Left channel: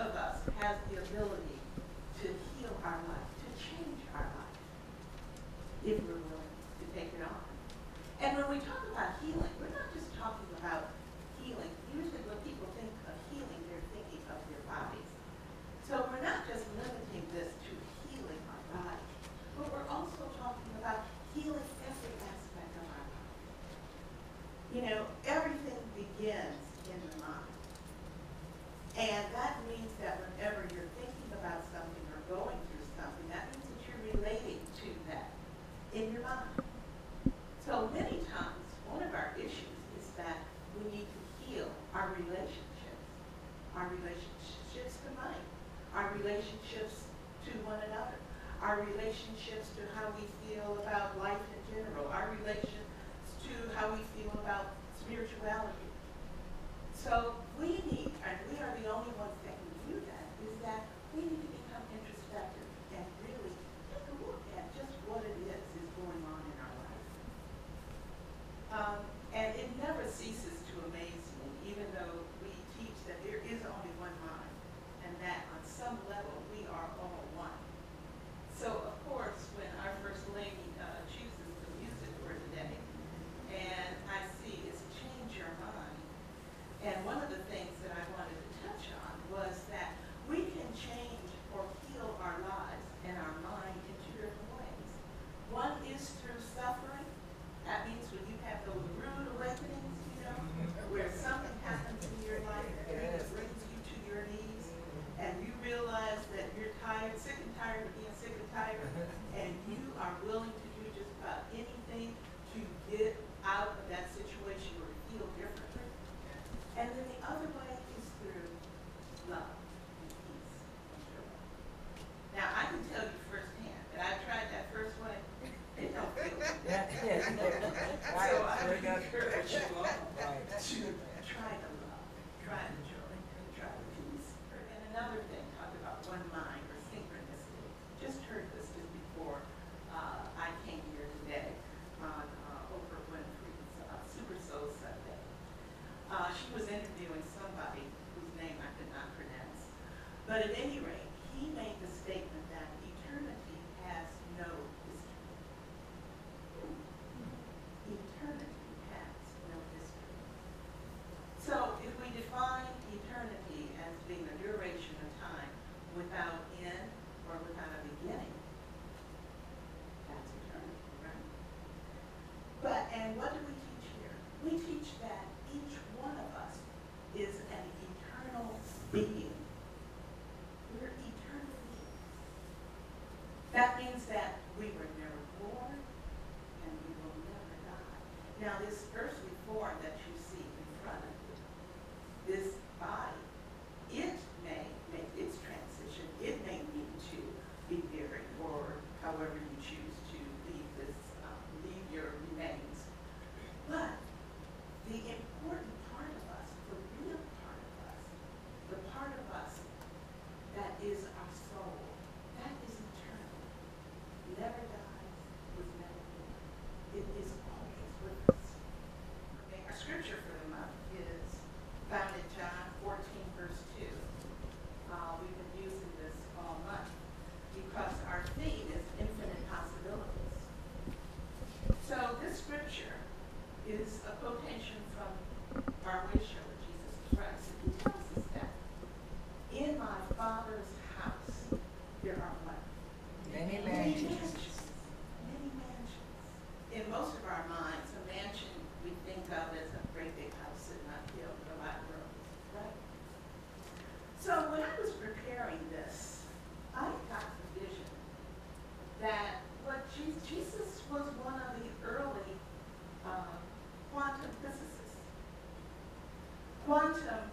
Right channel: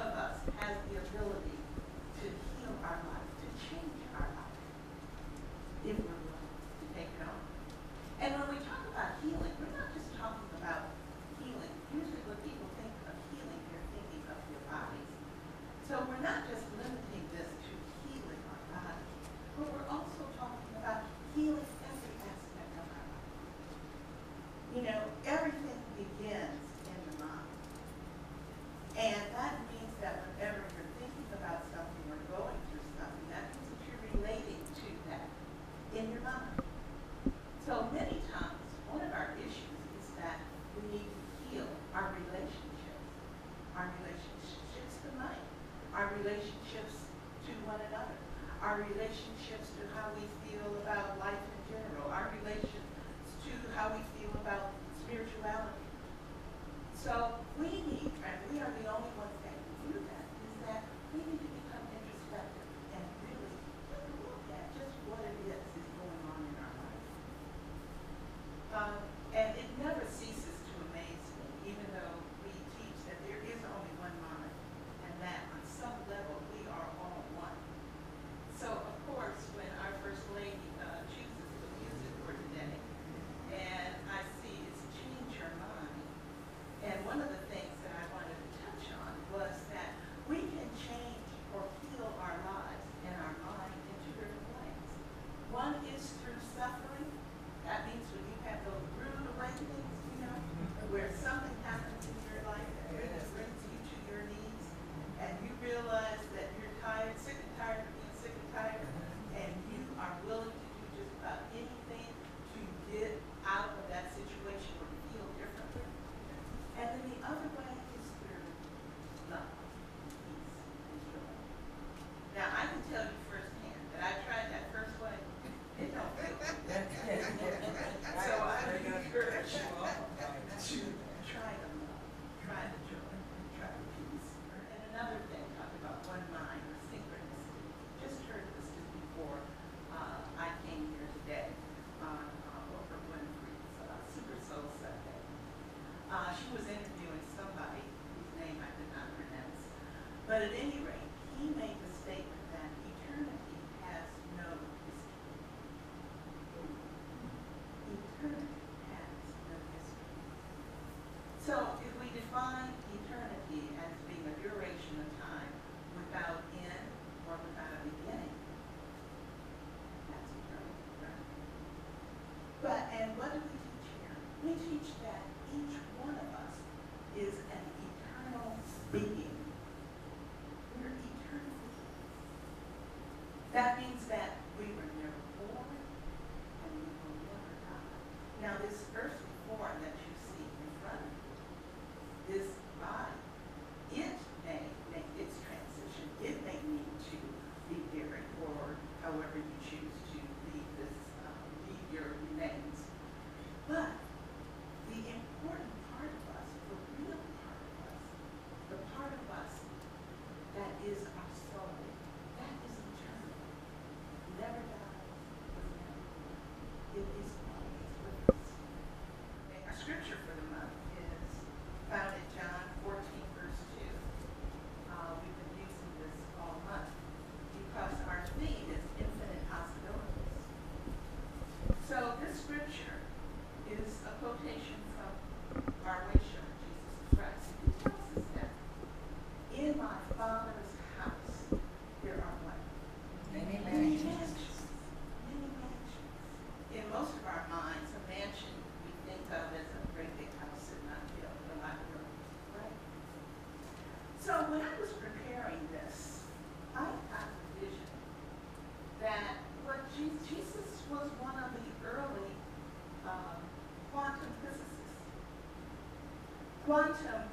of us has the ability to heal our life, to change our life, if we're willing to take it on. And when we talk about healing, we're not just talking about healing. Usually when people think of healing, they're thinking of your bodies. So we're not just limiting this to healing our bodies, but we're also talking about healing every aspect of our life. You know, everything begins in the mind. And that means that whenever you're thinking about something or going through something, that means that you're relating to that in your mind. So many times, one of our issues is that we need to heal our relationships to money, our relationships to one another, our relationships to how we feel about life in general, our relations to how we feel about spirituality. So we need, and we are the only ones that can do that, is that we need to become introspective and really take a look at just what it is going on in our life. And it never ceases to amaze me, even though we teach that there is only one mind, and that on some level we are all one. So, of course, when our First Lady chooses the music for today, and I see it's Change Your Mind, and one of the things that I wanted to touch on was that we can change or heal our lives and our mind in two different ways. One is through suffering. That means when you have those rude awakenings, you know, where something happens in your life that really brings you to your knees, and you realize that you're tired, sick and tired of being sick and tired, and you are willing to do just about anything to get out of that situation or to feel differently. And then the other way is through love and peace and joy. Now, I can tell you firsthand that I tried that first way. It don't feel good. So I would encourage you all to try the love, try the joy, and try the peace. And another thing, talk about one mind or synchronicity. Just heard this just before I came here today on Oprah Winfrey's Super Soul Sunday. She was interviewing somebody whose name I could not pronounce. But at any rate, he made the statement that eternity has no history. Eternity has no history. So if we define eternity as being a duration of time without end or without a beginning, that's eternity, right? And what do we teach here? We teach that each one of us is an eternal being. We're eternal beings. That means that we were never born and we will never die. Now, this earthly form that you see in front of you, this body, it may make its transition. It may need to be buried or however you choose to leave your remains. But the important part of us, the real part of us, the part of us that is our soul, that is eternal, never dies, was never born. It is always with us. Okay, our scripture for the month is found in John 14, verse 2. We've been using this all month because our theme is infinite possibilities. So this scripture is a quotation from our way shower, Jesus Christ. And he tells us that in my Father's house there are what? Many mansions. Many mansions. In most of our minds, a mansion we think of as a great big house sitting on a hill with a lot of room, right? So when I was preparing this, I got the vision that Jesus was one of the early quantum physicists. Quantum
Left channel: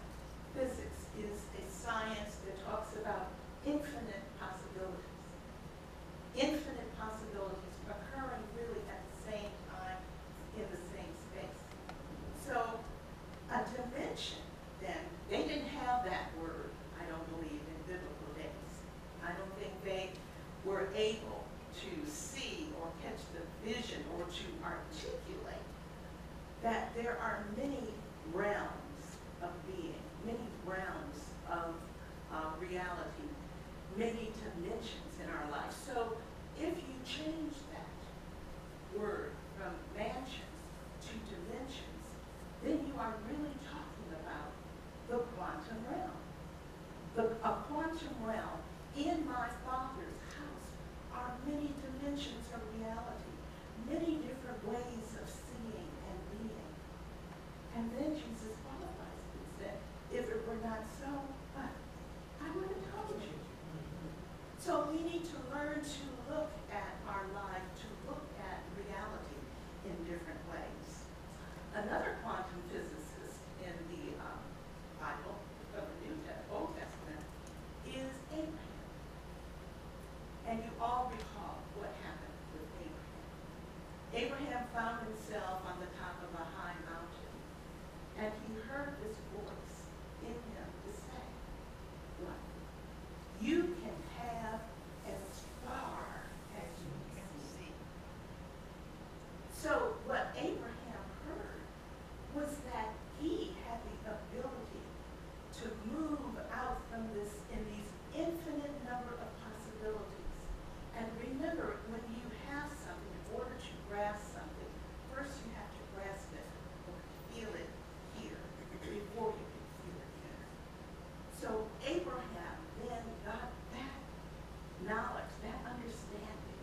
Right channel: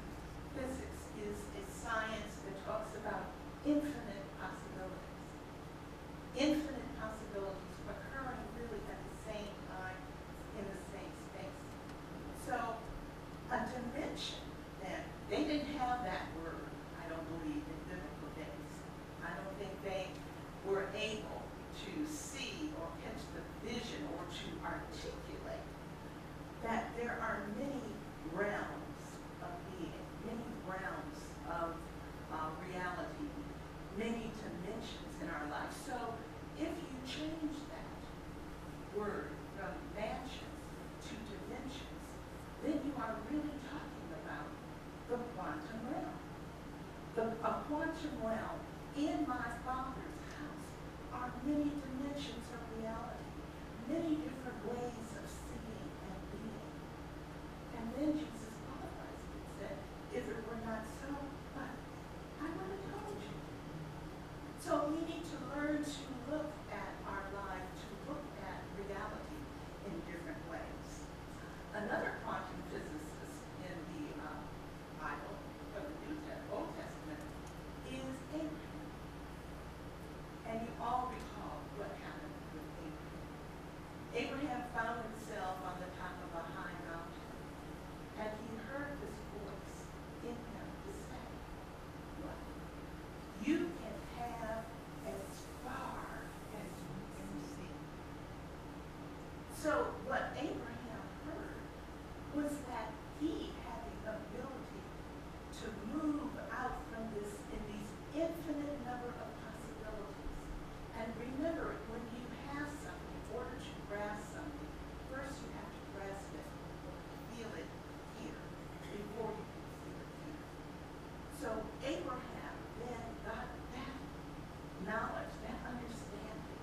physics is a science that talks about infinite possibilities. Infinite possibilities occurring really at the same time in the same space. So a dimension, then, they didn't have that word, I don't believe, in biblical days. I don't think they were able to see or catch the vision or to articulate that there are many realms of being, many realms of reality, many dimensions in our life. So if you change that word from mansions to dimensions, then you are really talking about the quantum realm. A quantum realm in my Father's house are many dimensions of reality, many different ways of seeing and being. And then Jesus qualifies it and said, if it were not so, what? I would have told you. So we need to learn to look at our life, to look at reality in different ways. Another quantum physicist in the Bible, of the Old Testament, is Abraham. And you all recall what happened with Abraham. Abraham found himself on the top of a high mountain, and he heard this voice in him to say, what? You can have as far as you can see. So what Abraham heard was that he had the ability to move out from this in these infinite number of possibilities. And remember, when you have something, in order to grasp something, first you have to grasp it or feel it here before you can feel it here. So Abraham then got that knowledge, that understanding,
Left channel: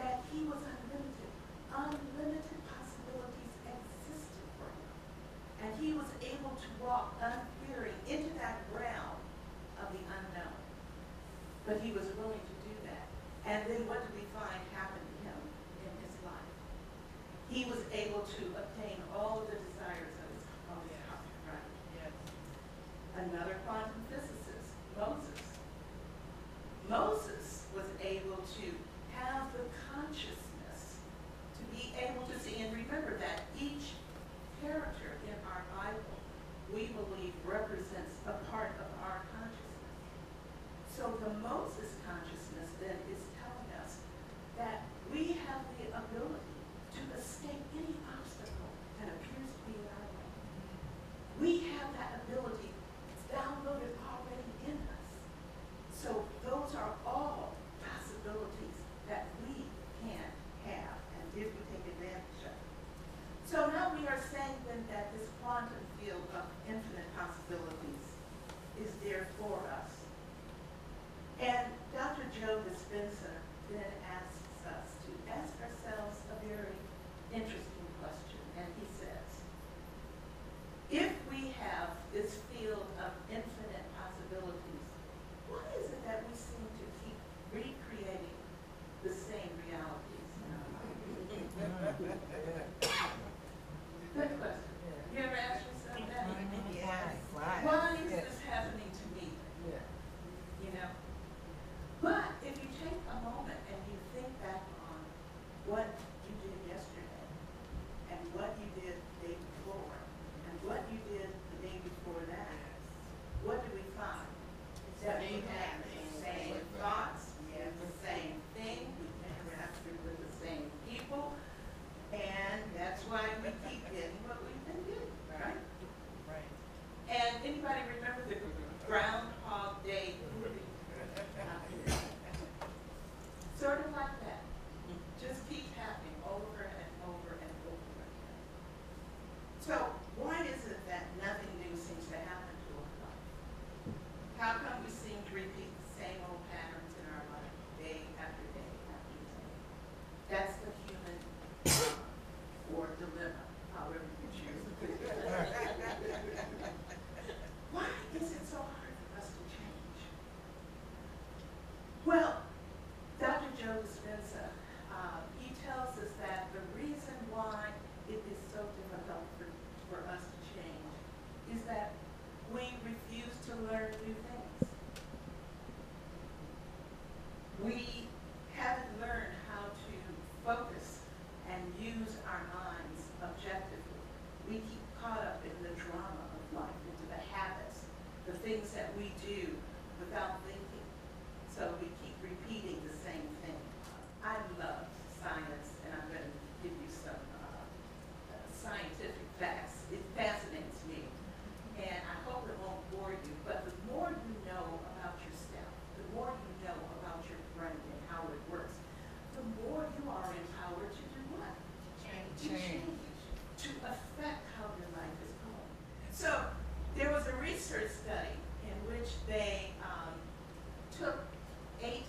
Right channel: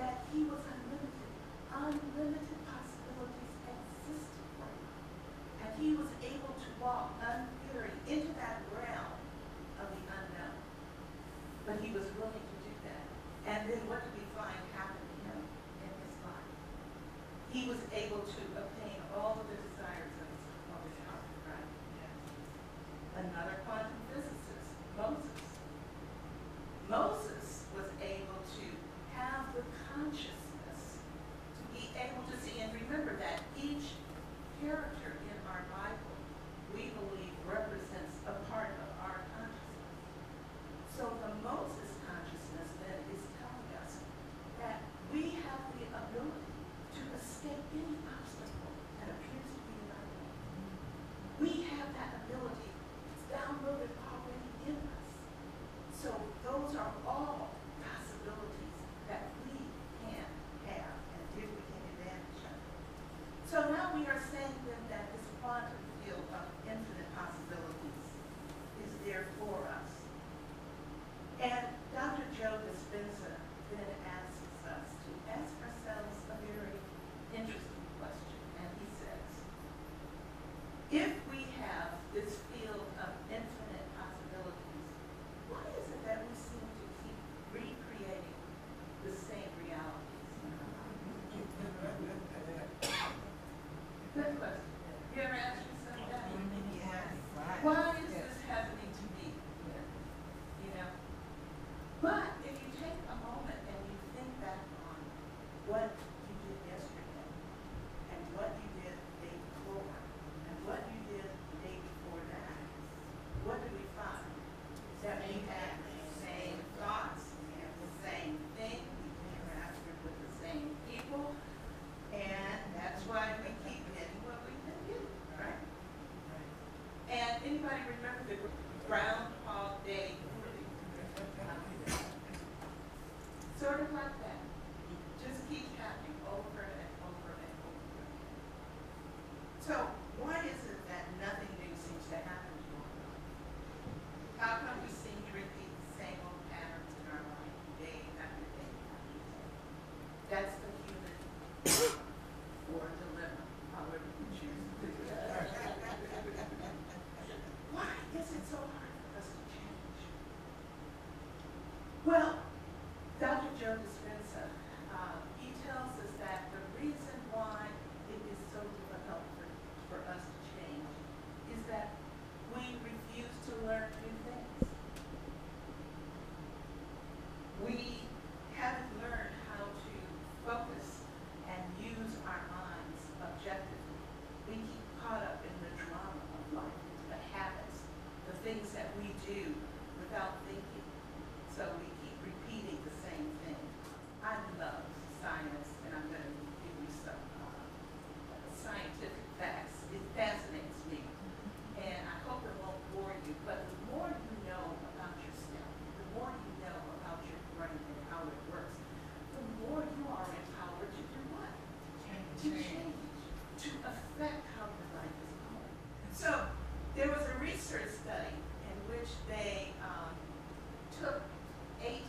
that he was unlimited. Unlimited possibilities existed for him. And he was able to walk unfearing into that realm of the unknown. But he was willing to do that. And then what do we find happened to him in his life? He was able to obtain all of the desires of his heart, right? Yes. Another quantum physicist, Moses. Moses was able to have the consciousness to be able to see. And remember that each character in our Bible, we believe, represents a part of our consciousness. So the Moses consciousness then is telling us that we have the ability to escape any obstacle that appears to be in our way. We have that ability. It's downloaded already in us. So those are all possibilities that we can have, and if we take advantage of it. So now we are saying then that this quantum field of infinite possibilities is there for us. And Dr. Joe Dispenza then asks us to ask ourselves a very interesting question. And he says, if we have this field of infinite possibilities, why is it that we seem to keep recreating the same realities in our lives? Good question. You ever ask yourself that? Yeah, right. Why is this happening to me here? You know? But if you take a moment and you think back on what you did yesterday, and what you did the day before, and what you did the day before that, what do we find? That we have the same thoughts, we have the same thing, we interacted with the same people, and that's why we keep getting what we've been getting, right? Right. And anybody remember the Groundhog Day movie? Sort of like that. Just keep happening over and over and over again. So why is it that nothing new seems to happen to our life? How come we seem to repeat the same old patterns in our life day after day after day? That's the human or dilemma, however you choose to put it. Why is it so hard for us to change? Well, Dr. Joe Dispenza, he tells us that the reason why it is so difficult for us to change is that we refuse to learn new things. We haven't learned how to focus and use our minds objectively. We keep caught up in the drama of life, into the habits, the things that we do without thinking. So we keep repeating the same thing. I love science, and I'm going to give you some scientific facts. It fascinates me, and I hope it won't bore you. But the more you know research study in which they took 8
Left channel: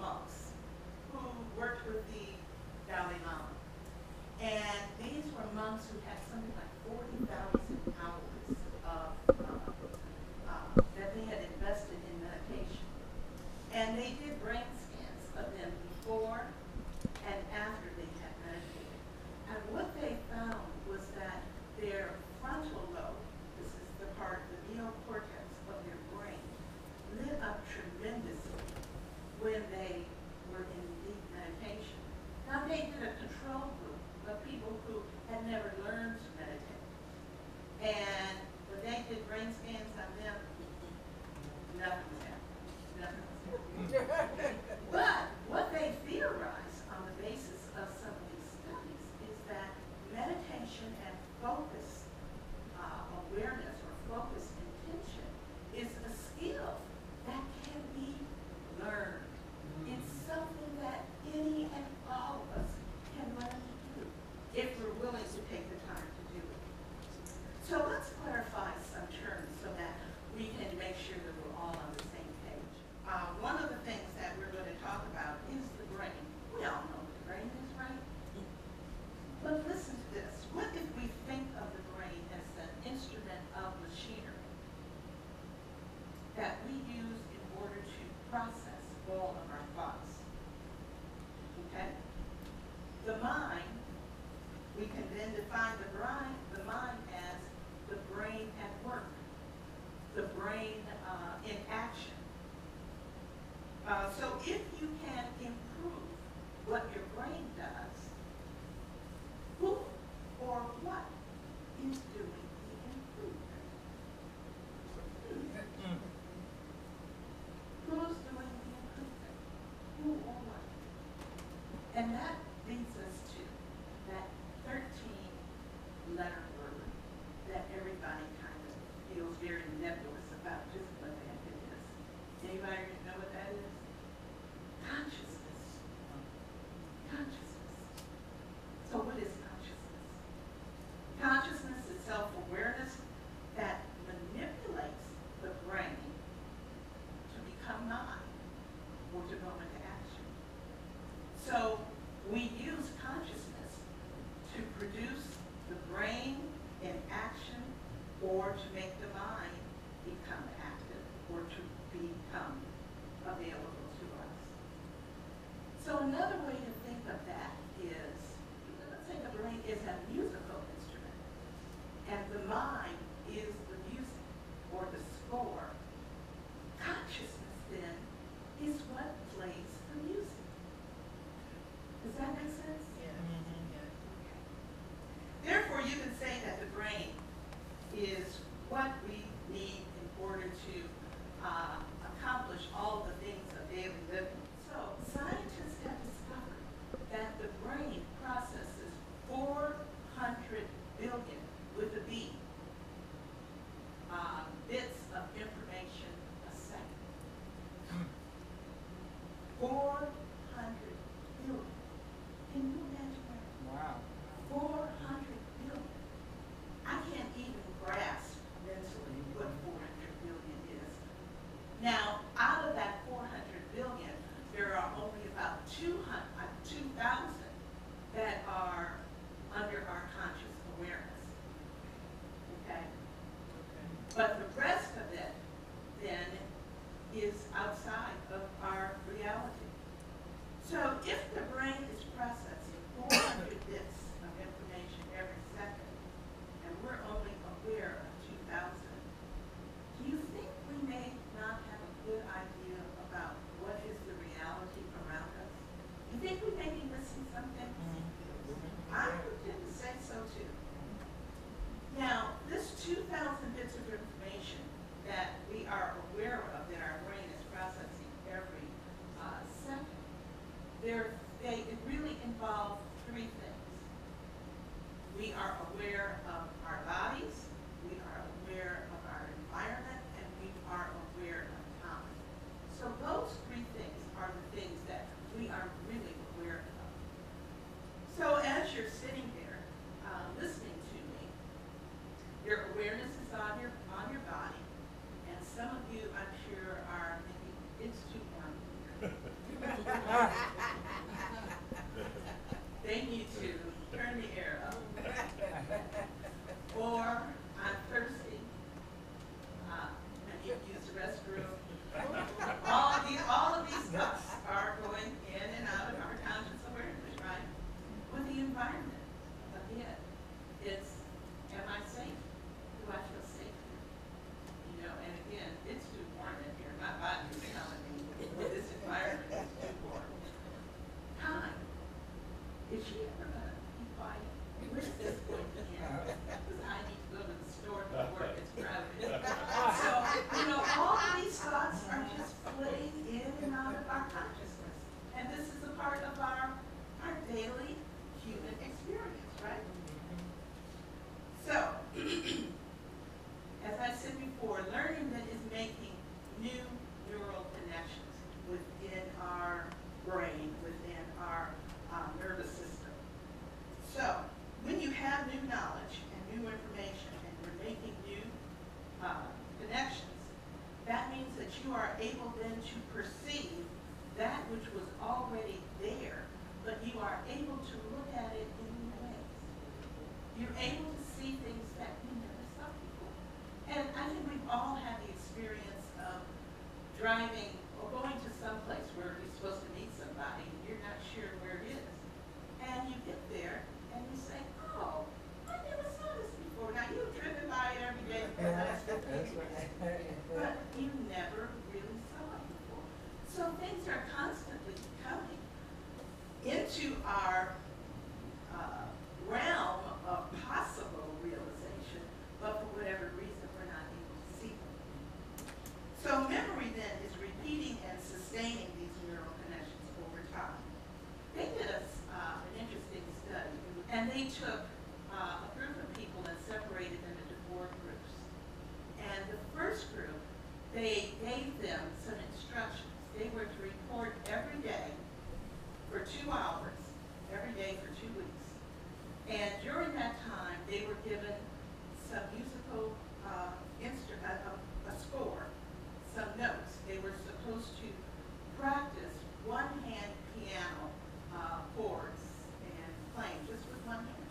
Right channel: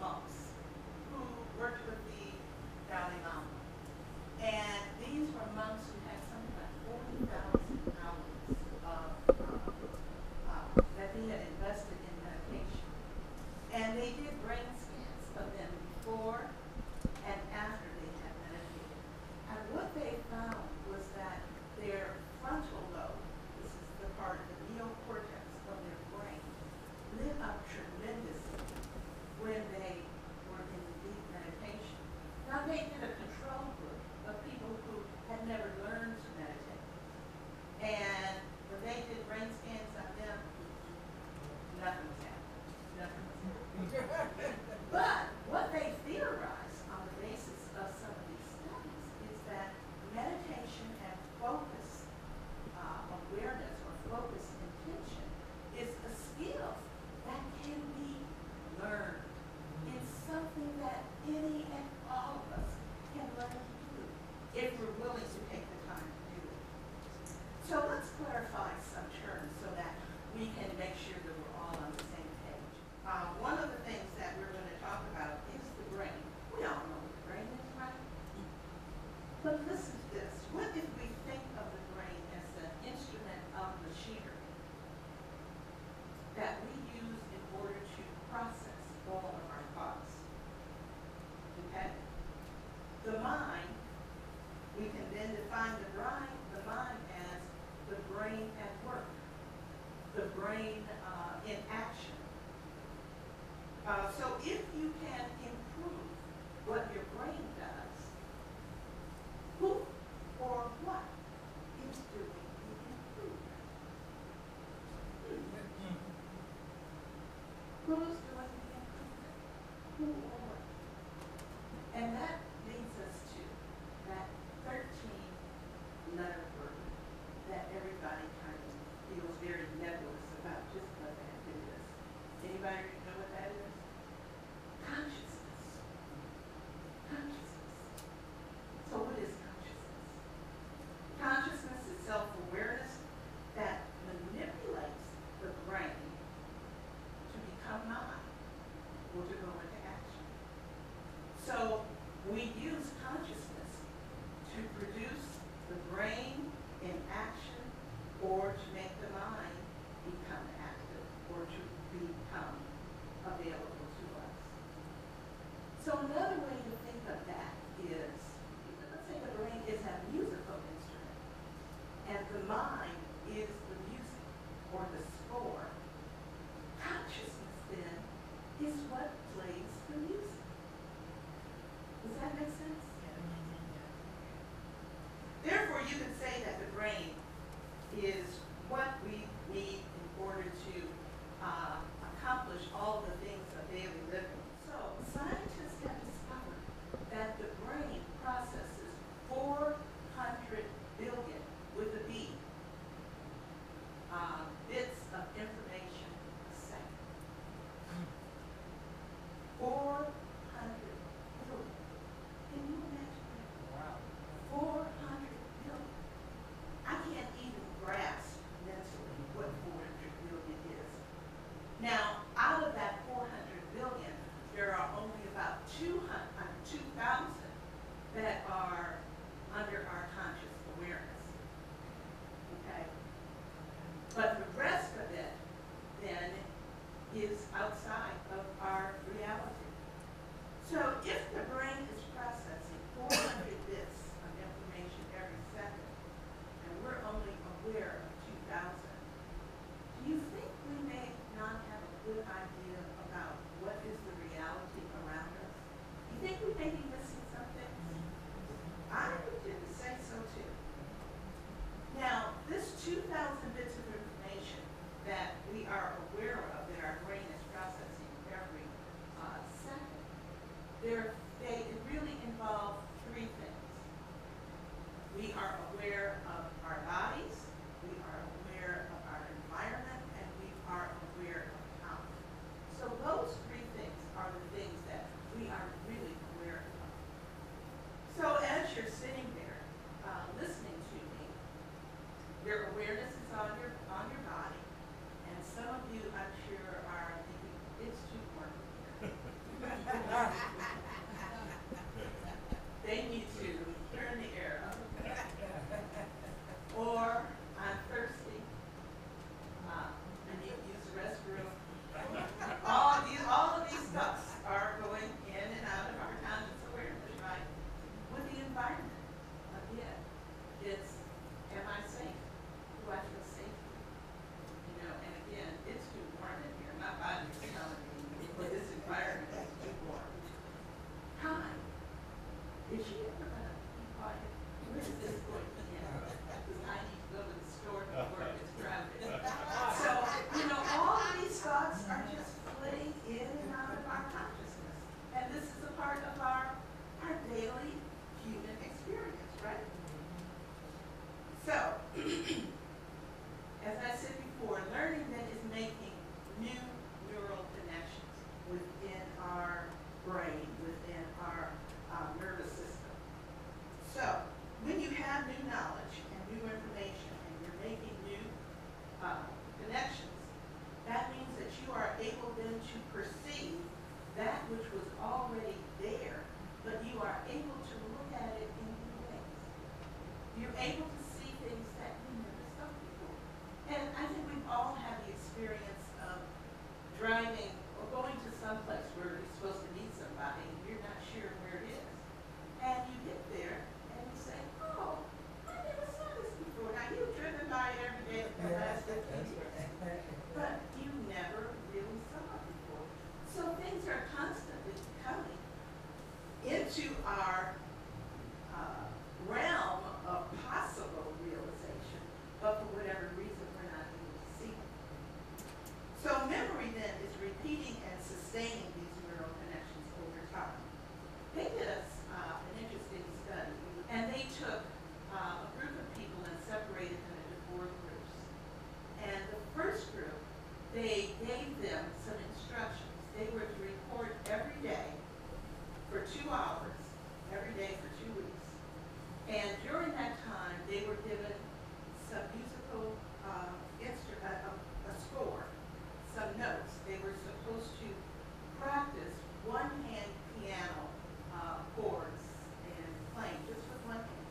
monks who worked with the Dalai Lama. And these were monks who had something like 40,000 hours of, that they had invested in meditation. And they did brain scans of them before and after they had meditated. And what they found was that their frontal lobe, this is the part, the neocortex of their brain, lit up tremendously when they were in deep meditation. Now they did a control group of people who had never learned to meditate. And when they did brain scans on them, nothing was happening. Nothing was happening. But what they theorized on the basis of some of these studies is that meditation and focus, awareness or focus intention is a skill that can be learned. It's something that any and all of us can learn to do if we're willing to take the time to do it. So let's clarify some terms so that we can make sure that we're all on the same page. One of the things that we're going to talk about is the brain. We all know what the brain is, right? But listen to this. What if we think of the brain as an instrument of machinery that we use in order to process all of our thoughts? Okay? The mind, we can then define the mind as the brain at work, the brain in action. So if you can improve what your brain does, who or what is doing the improvement? Who's doing the improvement? Who or what? And that leads us to that 13-letter word that everybody kind of feels very nebulous about just what the heck it is. Anybody know what that is? Consciousness. Consciousness. So what is consciousness? Consciousness is self-awareness that manipulates the brain to become mind or to go into action. So we use consciousness to produce the brain in action or to make the mind become active or to become available to us. So another way to think of that is, let's say the brain is a musical instrument and the mind is the music or the score. Consciousness then is what plays the music. Does that make sense? Okay. Therefore, you can say that the brain is what we need in order to accomplish all the things of daily living. So scientists have discovered that the brain processes 400 billion, with a B, bits of information a second. 400 billion. Can you imagine that? Wow. 400 billion. I can't even grasp mentally what 400 billion is. Now, out of that 400 billion, there are only about 2,000 that are under our conscious awareness. Okay? But the rest of it, then, is outside of our reality. So if the brain is processing 400 bits of information every second, and we're only aware of 2,000, do you think we may not have a good idea about what is the reality around us? You think we may be missing something? I would tend to say so too. Now, this 2,000 bits of information that we are aware of, that our brain is processing every second, it really involves 3 things. We are aware of our bodies, we are aware of our environment, and we are aware of time. So those 3 things are the things that we are really aware of. So as you're sitting there listening to me, your awareness is on your body, they need to turn the air up. Or I'm thirsty. I need to use the restroom. All of these thoughts are going in and out of our conscious awareness, right? With the environment, again, it's, am I safe? Do I feel safe here? You know, and again, it's too warm in here. My body is telling me, well, this environment is too warm. Time. Is she ever going to be quiet? When is this going to end? Because I need to go to the store before it gets crowded. So, you know, all of these thoughts are just flitting in and out of our consciousness. And this is a part of our daily human experience, right? So, as I said before, learning then is making new neural connections within our brain, within our nervous system. So, when you have new knowledge and new information and you're making new connections, that means that you are able then to perceive that which was already there, but you are able to look at it in new ways. You're able to see things that you never saw before. And I think we've all had the experience of driving or going to some place where you're supposed to meet somebody and you're not sure where it is. And you get there and you say, oh, I never saw this before. Now, you've driven by it every day for the last 15 years. But you never really saw it before. So things are constantly coming into our realm of possible realization, but for whatever reason, we're not able to see them. So memory then is repeating and sustaining these neural connections over time. They did an interesting study, and they took a group of people and separated them into 4 groups. And the first group, they gave them some instructions. They were to report every day for 2 hours, every day for 2 weeks. And during that time, they were given some musical a score, some notes. They were supposed to practice one-hand piano chords and playing just with one hand.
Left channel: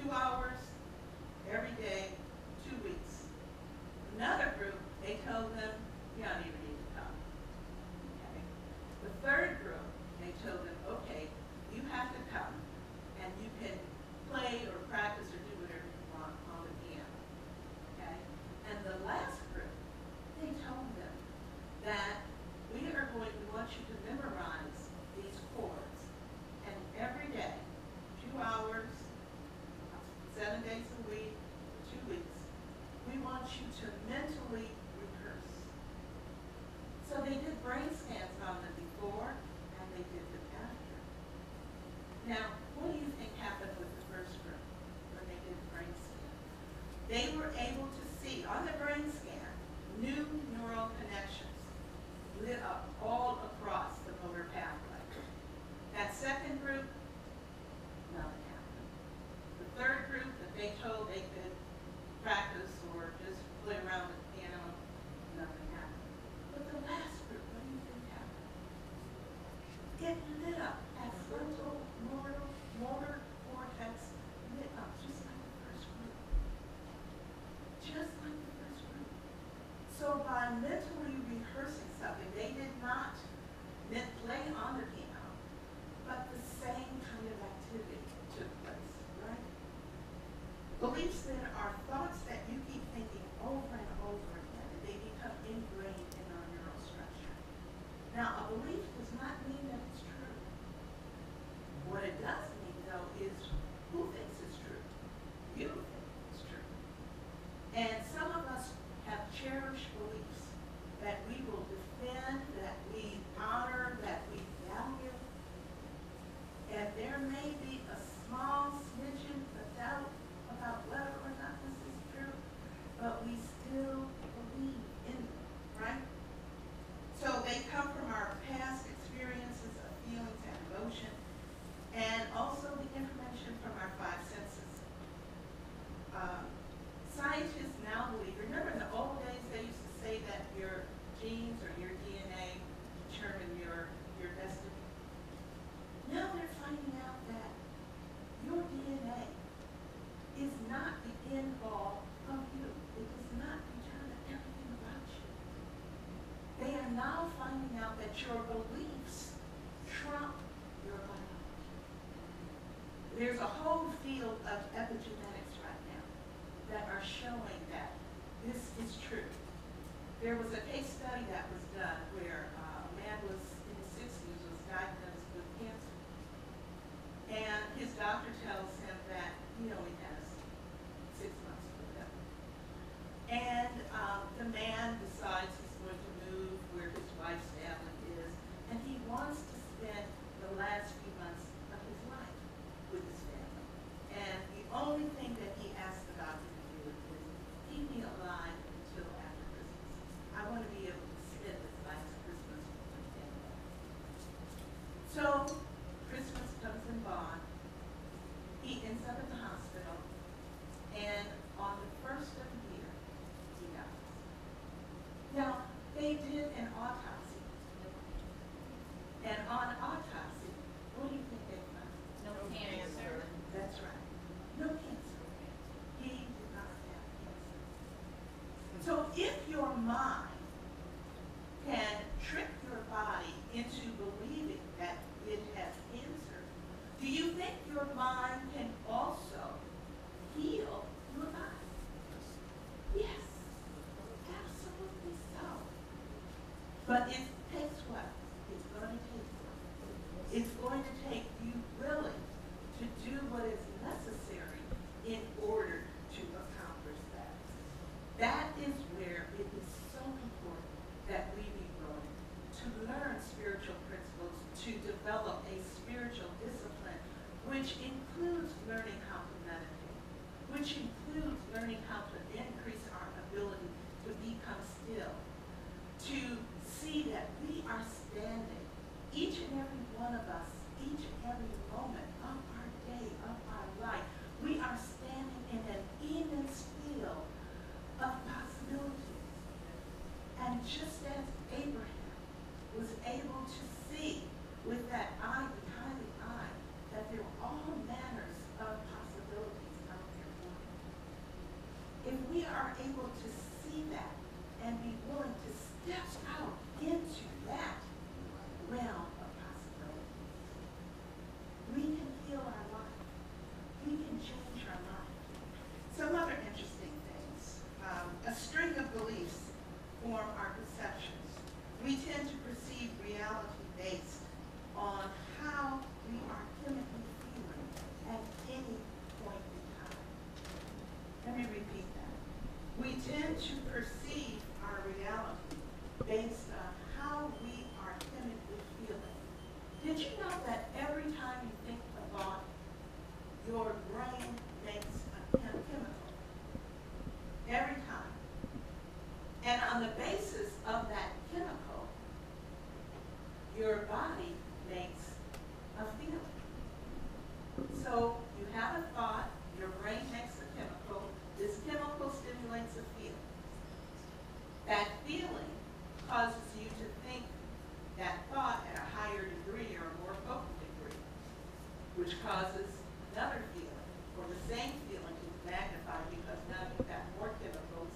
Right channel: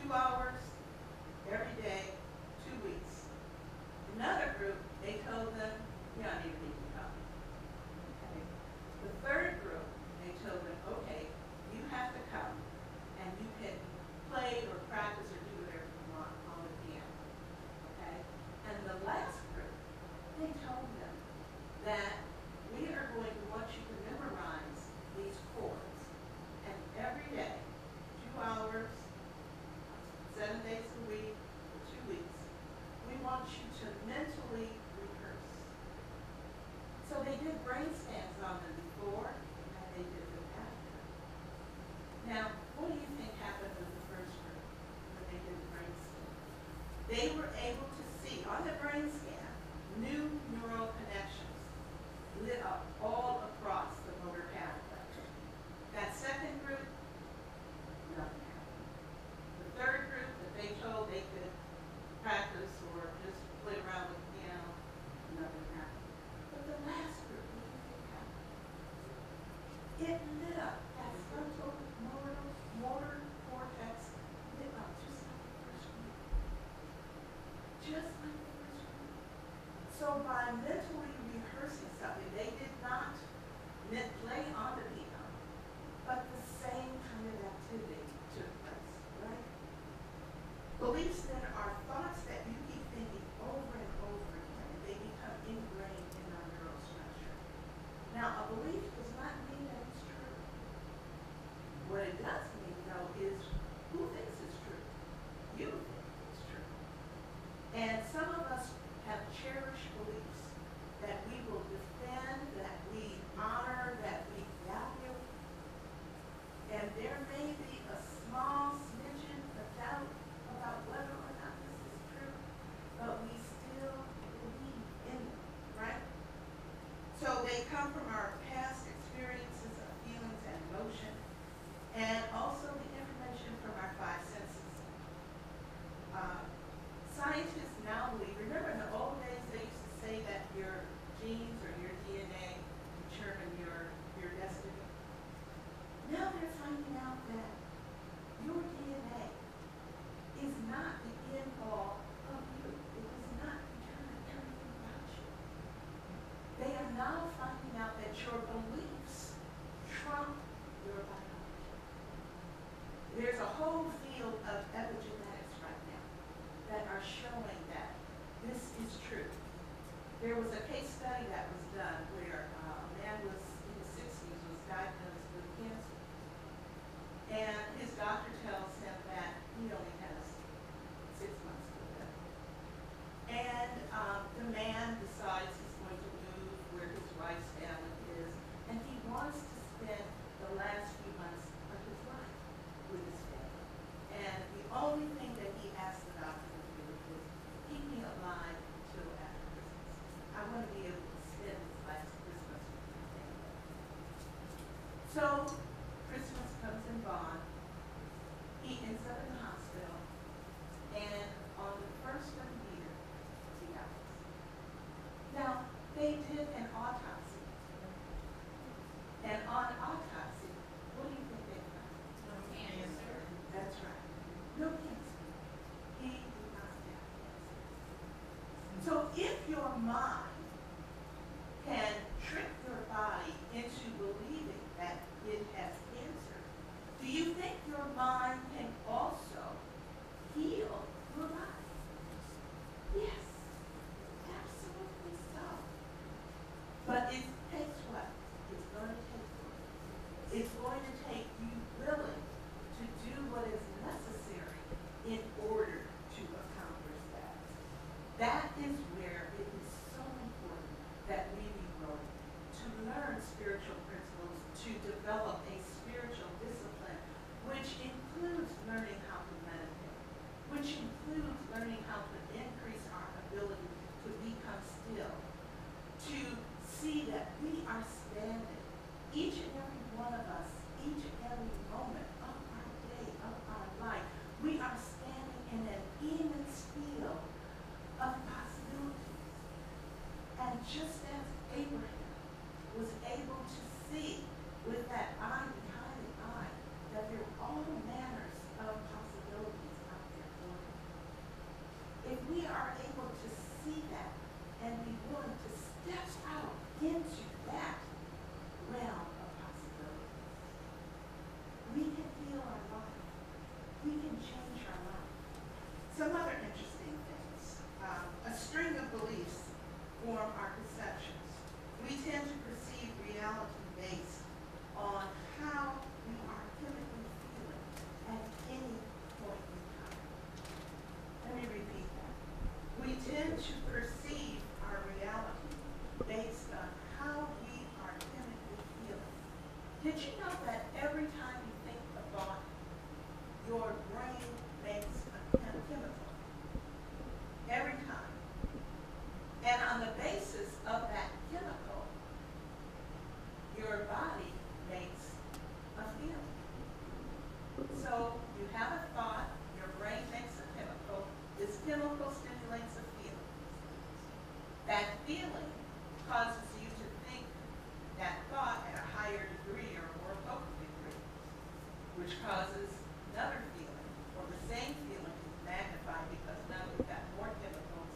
2 hours, every day, 2 weeks. Another group, they told them, you don't even need to come. Okay. The third group, they told them, okay, you have to come, and you can play or practice or do whatever you want on the piano. Okay? And the last group, they told them that we want you to memorize these chords, and every day, 2 hours, 7 days a week, for 2 weeks, we want you to mentally rehearse. So they did brain scans on them before, and they did them after. Now, what do you think happened with the first group when they did the brain scan? They were able to see, on the brain scan, new neural connections lit up all across the motor pathway. That second group, nothing happened. The third group that they told they could practice or just play around with the piano, nothing happened. But the last group, what do you think happened? It lit up. That frontal motor cortex lit up just like the first group. Just like the first group. So by mentally rehearsing something, they did not play on the piano, but the same kind of activity took place, right? Beliefs then are thoughts that you keep thinking over and over again, and they become ingrained in our neural structure. Now, a belief does not mean that it's true. What it does mean, though, is who thinks it's true? You think it's true. And some of us have cherished beliefs that we will defend, that we honor, that we value. And there may be a small smidgen of doubt about whether or not this is true, but we still believe in them, right? So they come from our past experiences of feelings and emotion, and also the information from our 5 senses. Scientists now believe, remember in the old days they used to say that your genes or your DNA determine your destiny? Now they're finding out that now finding out that your beliefs trump your biology. There's a whole field of epigenetics right now that are showing that this is true. There was a case study that was done where a man was in his 60s, was diagnosed with cancer. And his doctor tells him that he only has 6 months to live. And the man decides he's going to move where his wife's family is, and he wants to spend the last few months of his life with his family. And the only thing that he asked the doctor to do is keep me alive until after Christmas. I want to be able to spend this last Christmas with my family. So Christmas comes and gone. He ends up in the hospital, and on the first of the year, he dies. Now, they did an autopsy. And on autopsy, what do you think they found? No cancer. That's right. No cancer. He did not have cancer. So if your mind can trick your body into believing that it has cancer, do you think your mind can also heal your body? Yes, absolutely so. But it takes what? It's going to take work. It's going to take you willing to do what is necessary in order to accomplish that. That is where it is so important that we be willing to learn spiritual principles, to develop a spiritual discipline, which includes learning how to meditate, which includes learning how to increase our ability to become still, to see that we are standing, each and every one of us, each and every moment of our day, of our life, we are standing in an immense field of possibilities. And just as Abraham was able to see with that eye behind the eye that there are all manners of possibilities out there for him, if we are able to see that and be willing to step out into that realm of possibilities, we can heal our life. We can change our life. Some other interesting things. A string of beliefs form our perceptions. We tend to perceive reality based on how we are chemically feeling at any point in time. Let me repeat that. We tend to perceive our reality based on how we are chemically feeling. Did you know that every time you think a thought, your brain makes a chemical? Every time. And on the basis of that chemical, your body makes a feeling. So you have a thought, your brain makes a chemical, this chemical stimulates a feeling. That feeling causes you to think that thought at a higher degree or a more potent degree, which causes another feeling, or the same feeling is magnified because now you've got more chemicals.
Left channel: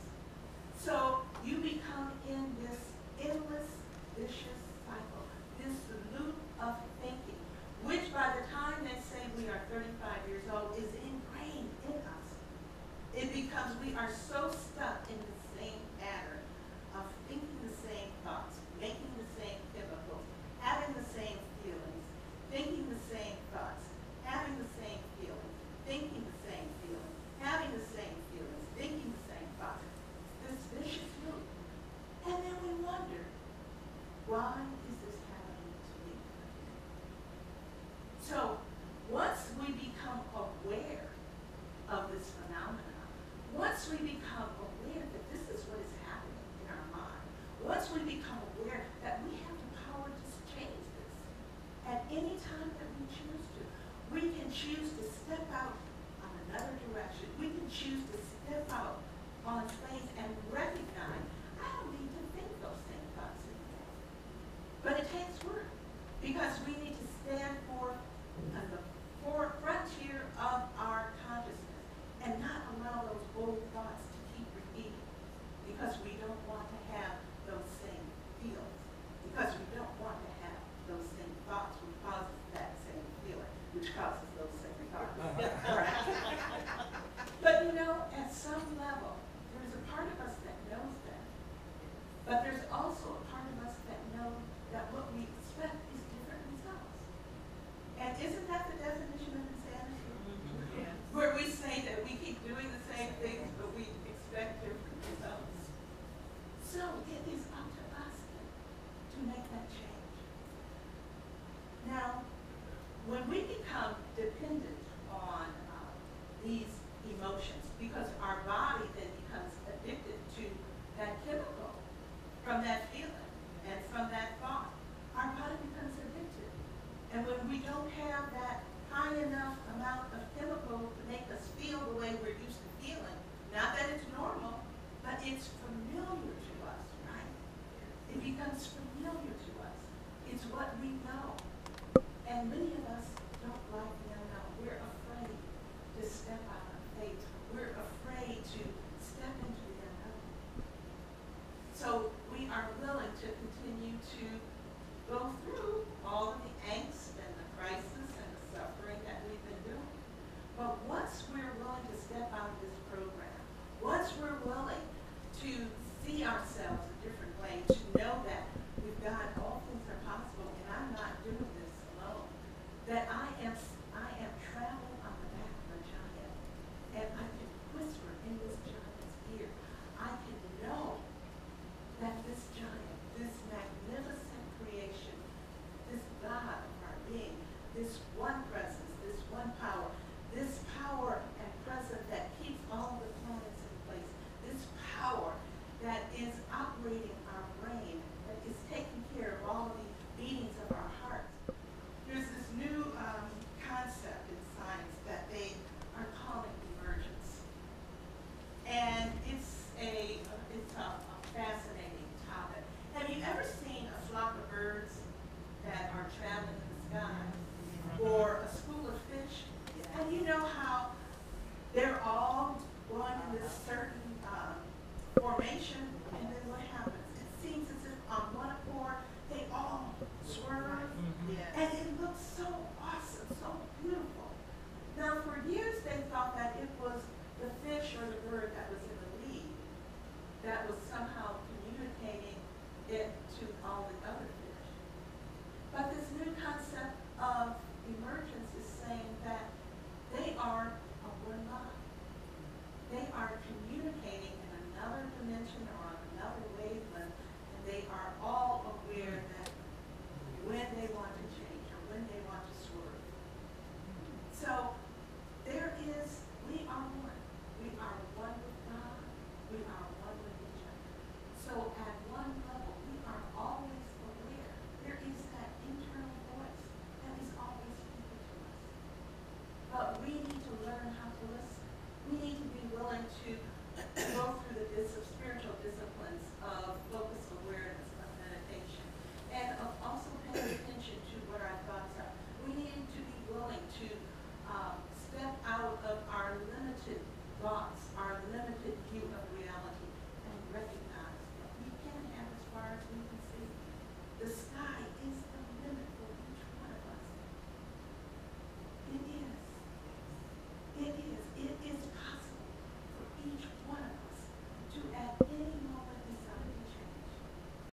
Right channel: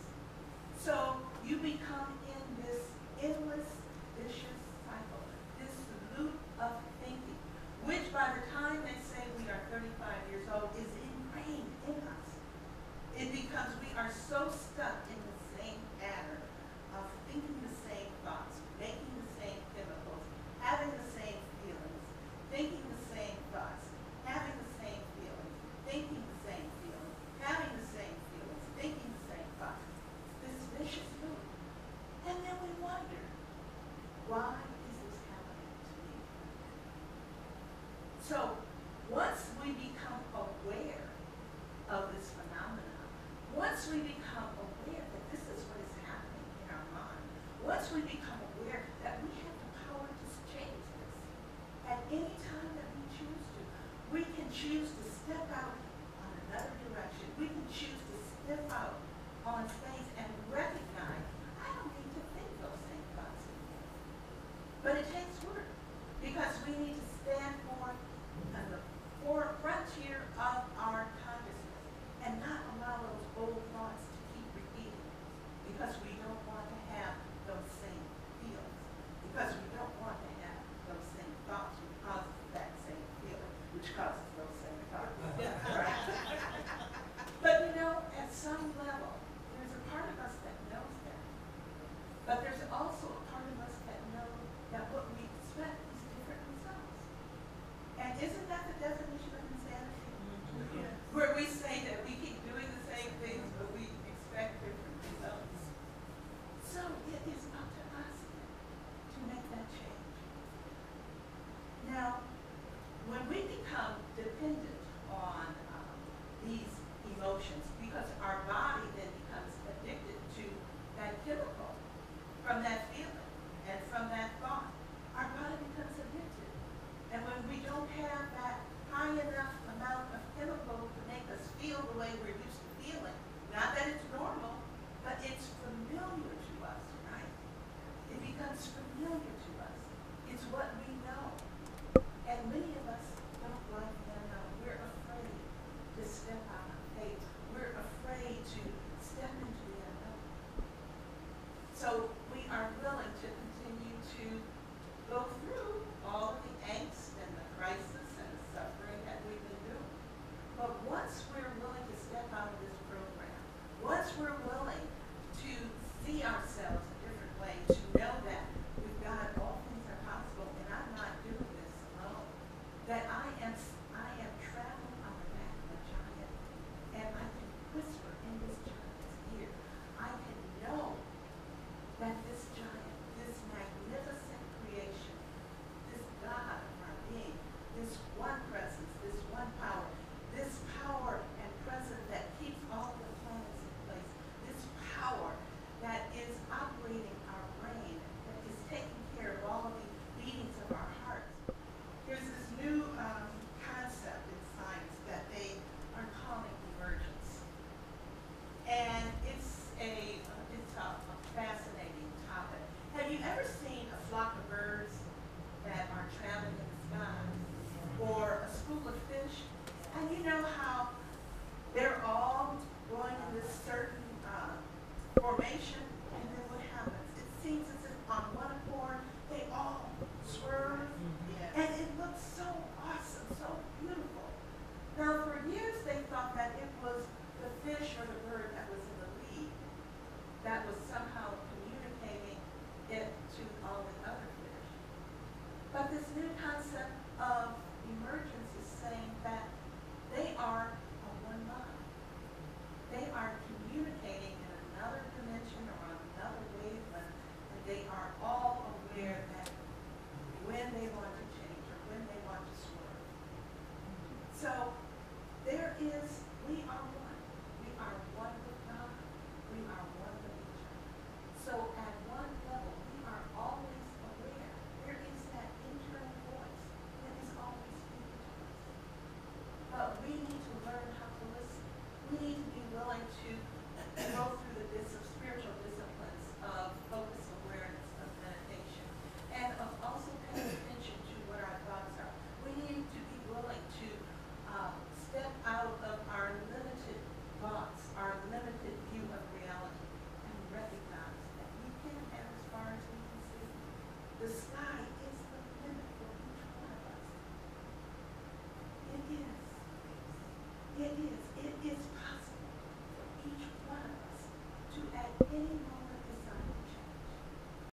So you become in this endless, vicious cycle, this loop of thinking, which by the time they say we are 35 years old is ingrained in us. It becomes, we are so stuck in the same pattern of thinking the same thoughts, making the same chemicals, having the same feelings, thinking the same thoughts, having the same feelings, thinking the same feelings, having the same feelings, thinking the same thoughts. This vicious loop. And then we wonder, why is this happening to me again? So once we become aware of this phenomenon, once we become aware that this is what is happening in our mind, once we become aware that we have the power to change this at any time that we choose to, we can choose to step out on another direction. We can choose to step out on faith and recognize, I don't need to think those same thoughts anymore. But it takes work because we need to stand forth on the frontier of our consciousness and not allow those old thoughts to keep repeating because we don't want to have those same feelings. But there's also a part of us that know that what we expect is different results. And isn't that the definition of insanity? Where we say that we keep doing the same things, but we expect different results. So it is up to us then to make that change. Now, when we become dependent on these emotions, because our body then becomes addicted to that chemical from that feeling and from that thought, our body becomes addicted. And when we don't have that high enough amount of chemical to make us feel the way we're used to feeling, not that it's normal, but it's familiar to us, right? It becomes familiar to us. It's what we know. And many of us don't like the unknown. We're afraid to step out on faith. We're afraid to step into the unknown. So we are willing to continue to go through all of the angst and the crisis and the suffering that we've been doing. But once we're willing to step out of this program, once we're willing to see ourselves a different way, to know that with God all things are possible and I'm not doing this alone, that I am traveling on the back of a giant and I can whisper in this giant's ear. I can know that this giant, this magnificent creation, this God of our being, this one presence, this one power, this power and presence that keeps all the planets in place, this power that is operating our brain, that is taking care of all of the beatings of our hearts. There's this new concept in science that they are calling emergence. And it's a fascinating topic. Have you ever seen a flock of birds that are traveling in the sky? Or a school of fish? And you know how they're all going in this certain formation, and then what happens? It seems as if on one accord, they all swerve, and it looks so awesome, so beautiful. Now, for years, they thought that it was the fish or the bird that was in the lead that was somehow communicating it to all the other fish. But this new concept of emergence is saying that they are